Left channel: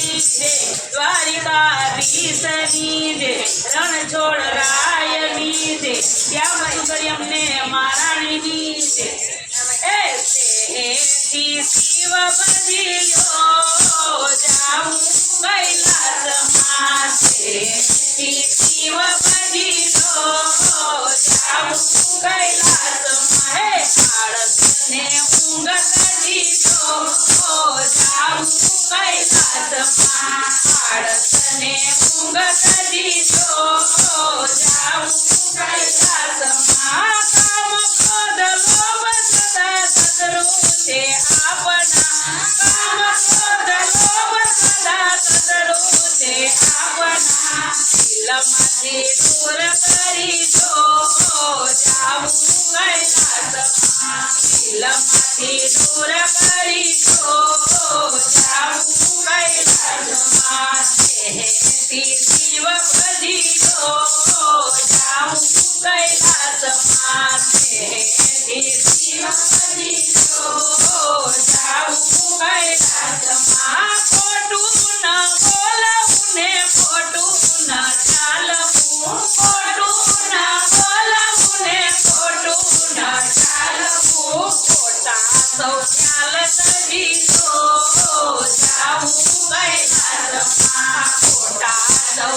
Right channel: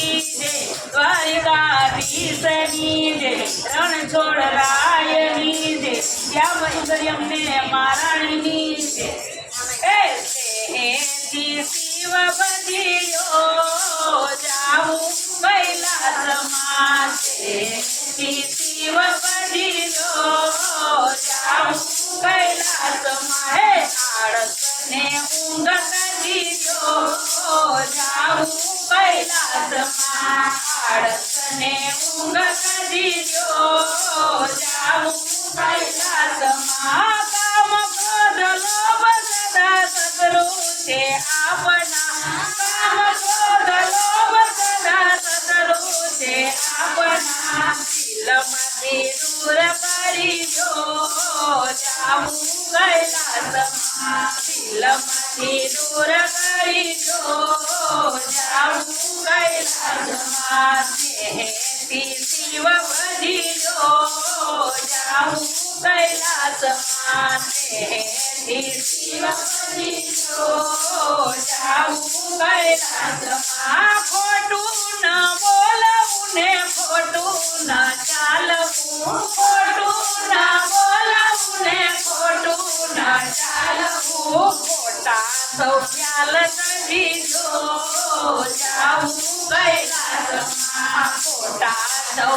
जय द्वारिका भीषणी रण छोड़ रायणी जय श्याम सुंदर यमुने महाराणी जय शिव बजियो जाऊँ कैलास माते शिव बजियो जाऊँ कैलास माहे आड़स ने उंगत दियो जा કૈલાસમાં આળસને કૈલાસમાં ખોટું ન બોલવું ને ખોટું ન ચાલવું ખોટું ન બોલવું ને ખોટું ન ચાલવું ખોટા સૌ ચાલ દીધો જાવું કૈલાસમાં ખોટા સૌ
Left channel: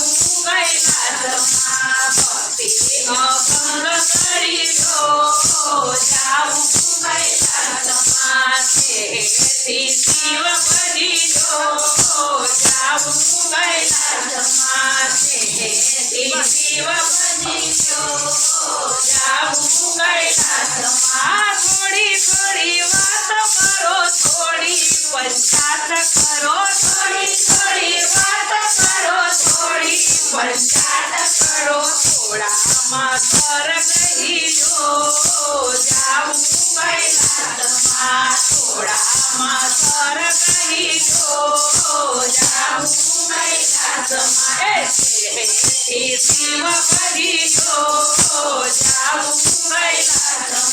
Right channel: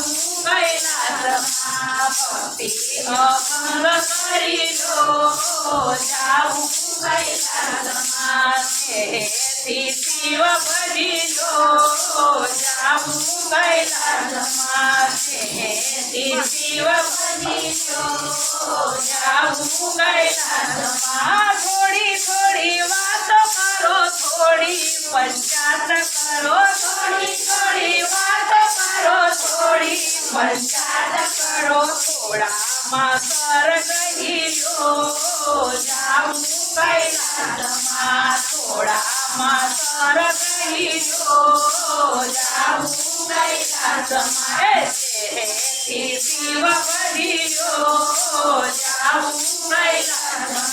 જાવું કૈલાસમાં ભક્તિ અભંગ કરી દો જાવું કૈલાસમાં શિવ કૈલાસમાં શિવ ભજી દો જાવું કૈલાસમાં થોડી થોડી વાતો કરો થોડી પંચાત શિવ ભજી જાઉં જાવું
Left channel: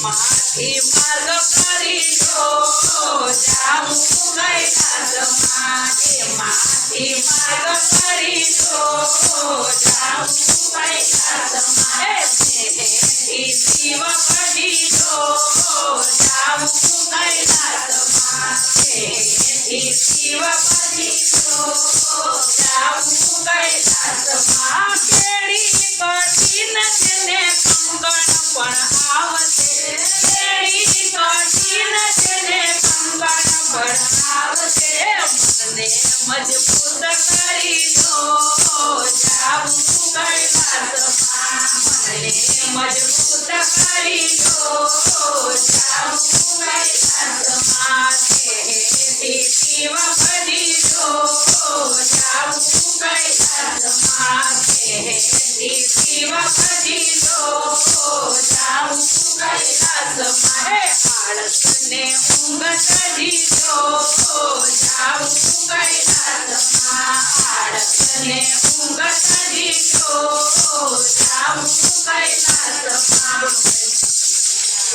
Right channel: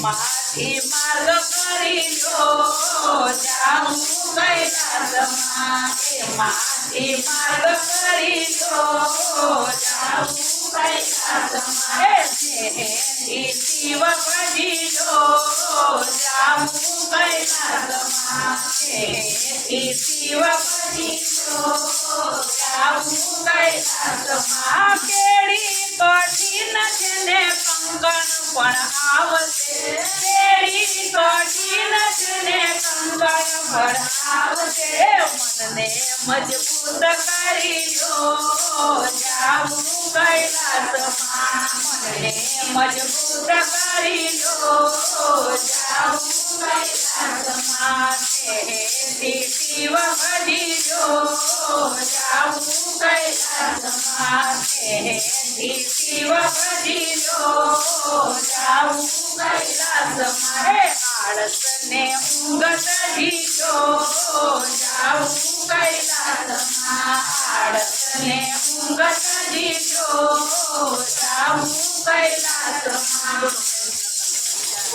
એમાંથી માર્ગ કરી દો જાવું કૈલાસમાં એમાંથી માર્ગ કંગણ પણ આવશે મનને મજબૂત કરી દો જાવું કૈલાસમાં મનને મજબૂત કરી દો જાવું કૈલાસમાં તેથી શિવ ભજી દો જાવું કૈલાસમાં તેથી Shiv ભજી Sin su casa, Dios,